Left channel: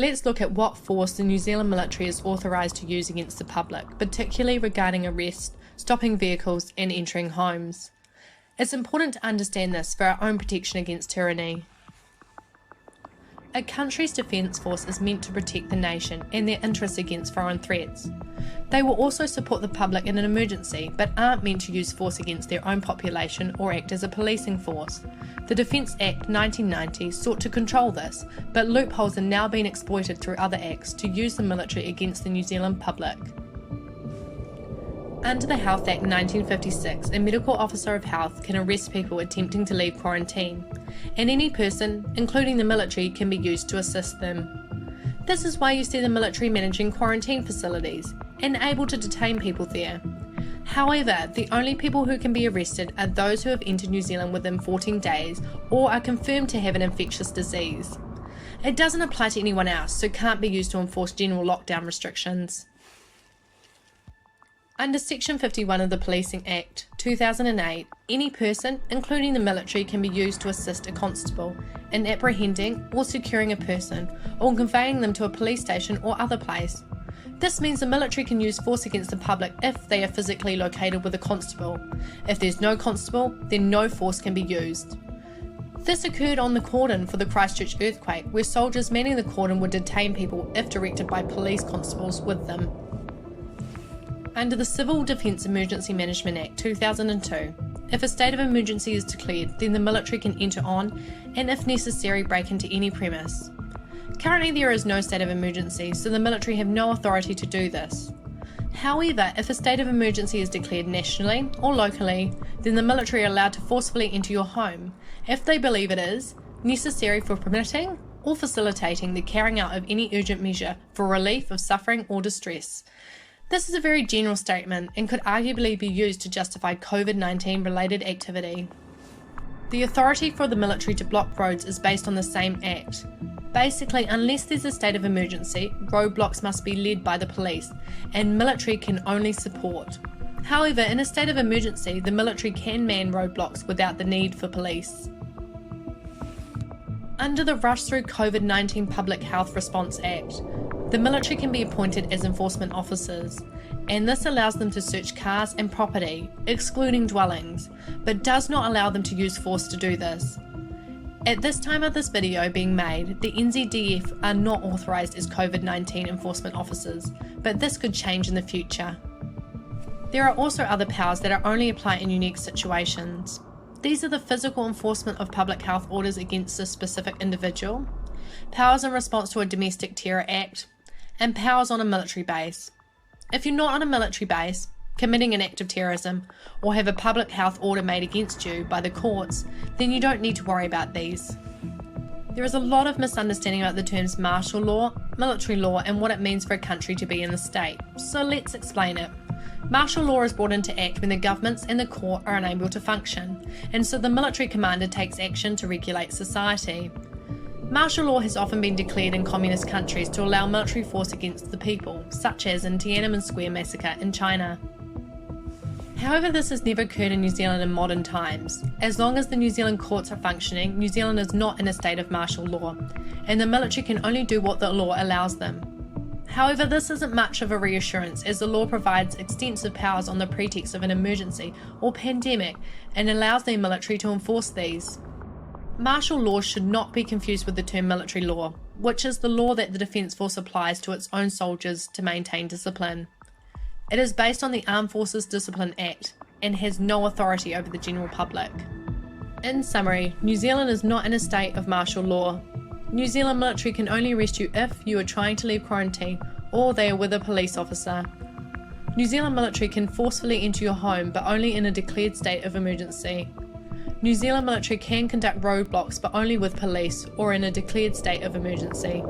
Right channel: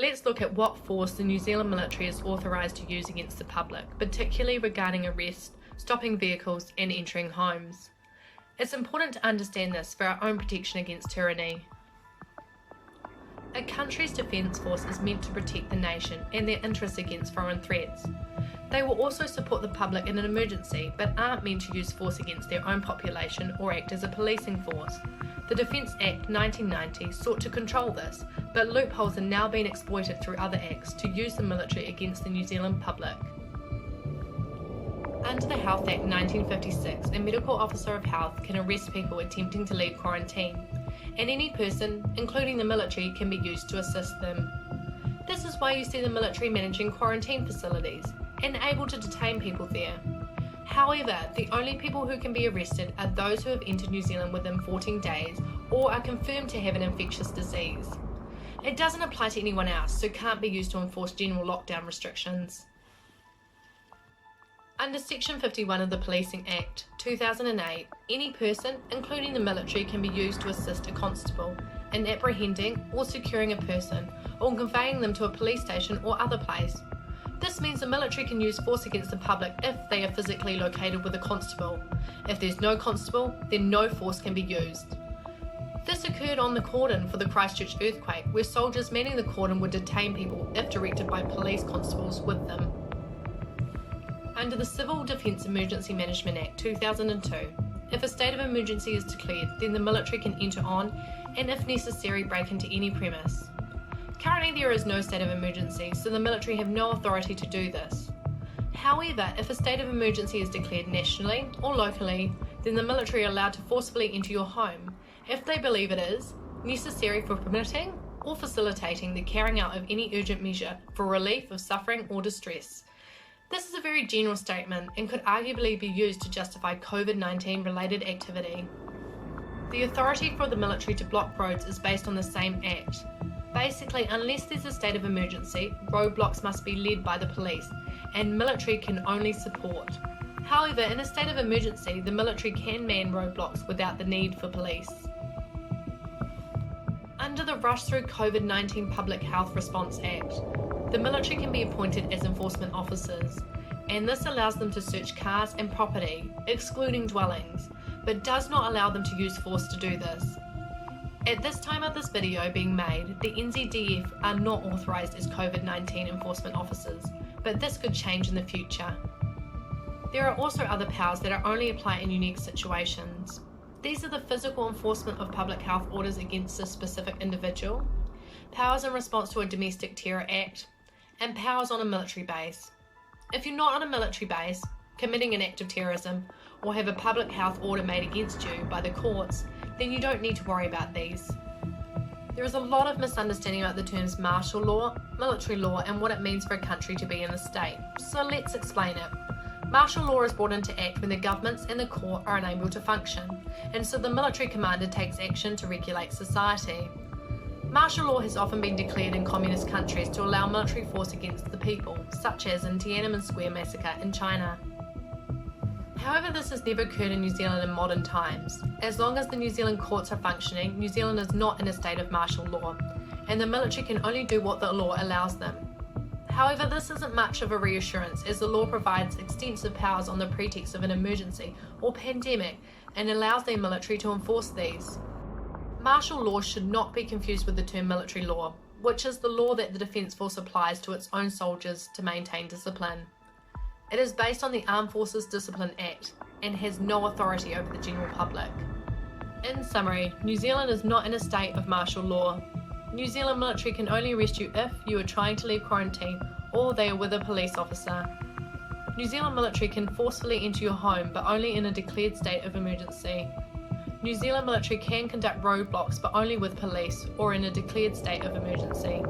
Let's look at what force the New Zealand military is authorised to use against the public, particularly regarding arrest, stopping vehicles and entering homes. It's important to understand this for our own protection against tyranny. A country's defence force is meant to protect the nation and their interests against foreign threats. They will also support the public in an emergency, but aren't meant to use force against their own population or act as a policing force. The Defence Act 1990 sought to control this, but loopholes are now being exploited through other acts to use the military against the New Zealand public. Under the Health Act 1956, a medical officer of health can arrest people attempting to leave quarantine, and any person, including the military, can be used to assist them. This is why you see the military managing quarantine facilities and able to detain people there. However, the only people who can be arrested are those who have entered New Zealand within 14 days or are confirmed to have an infectious disease. It doesn't apply to anyone else, so can't be used to enforce general lockdown restrictions. Under Section 51 of the Policing Act 2008, any person, including the military, can be used to assist a constable in apprehending or securing a person or conveying them to a police station or other place. This means the military can use force against the public if they are physically located with a constable. If there's no constable, then no force can be used. This occurred on the cordon for the Christchurch earthquake, where soldiers manning the cordon would detain people if directed by police constables with them. Under the Civil Defence Emergency Management Act 2002, if a state of emergency is declared, then the military can enter on and, if necessary, break into any premise. Currently there is no state of emergency, so the military have no authority to do this. However, if a state of emergency is declared nationally or locally, then the military are allowed to forcefully enter your home if they believe it is necessary for permitting or facilitating the carrying out of any urgent measure for relief of suffering or distress. This is a very general statement and could arguably be used to justify COVID-19 related activity. The authority for the military to block roads is based on the same act. Basically, unless there's a state of emergency, roadblocks must be led by the police, and military can only support. However, in a state of emergency, the military can man roadblocks without the need for police. Under the Rush Through COVID-19 Public Health Response Act, the military can be appointed as enforcement officers, and this allows them to search cars and property, excluding dwellings, but does not allow them to use force to do this. At this time of this video being made, the NZDF are not authorised as COVID-19 enforcement officers, but this could change in the future. There are also other powers that are only applied in unique situations. These are the physical enforcement of public health orders against a specific individual, powers in response to a domestic terror act, and powers on a military base. If you're not on a military base, committing an act of terrorism, or have a public health order made against you by the courts, then you don't need to worry about these. There is a lot of misunderstanding about the terms martial law, military law, and what it means for a country to be in the state, so let's explain it. Martial law is brought into act when the governments and the court are unable to function, and so the military commander takes action to regulate society. Martial law has often been declared in communist countries to allow military force against the people, such as in Tiananmen Square massacre in China. However, this has never occurred in New Zealand in modern times. As long as the New Zealand courts are functioning, New Zealand is not in a state of martial law, and the military can only do what the law allows them. However, this isn't much of a reassurance, as the law provides extensive powers on the pretext of an emergency or pandemic and allows the military to enforce these. Martial law should not be confused with the term military law, which is the law that the Defence Force applies to its own soldiers to maintain discipline. It is based on the Armed Forces Discipline Act and has no authority over the general public. In summary, New Zealand is not in a state of martial law. New Zealand military can only arrest you if you are trying to leave quarantine or they are with a police officer. New Zealand military can forcefully enter your home, but only in a declared state of emergency. New Zealand military can conduct roadblocks, but only with police or in a declared state of emergency.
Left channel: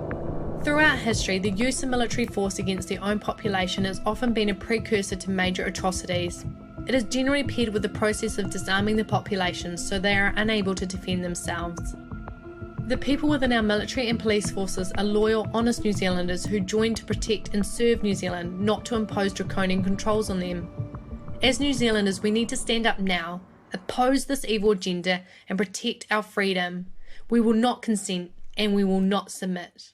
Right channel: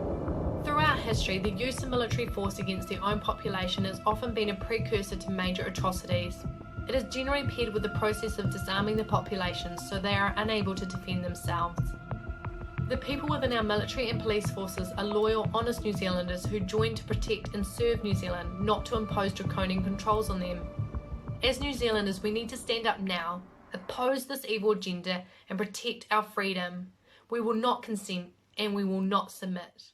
Throughout history, the use of military force against their own population has often been a precursor to major atrocities. It is generally paired with the process of disarming the population so they are unable to defend themselves. The people within our military and police forces are loyal, honest New Zealanders who join to protect and serve New Zealand, not to impose draconian controls on them. As New Zealanders, we need to stand up now, oppose this evil agenda, and protect our freedom. We will not consent and we will not submit.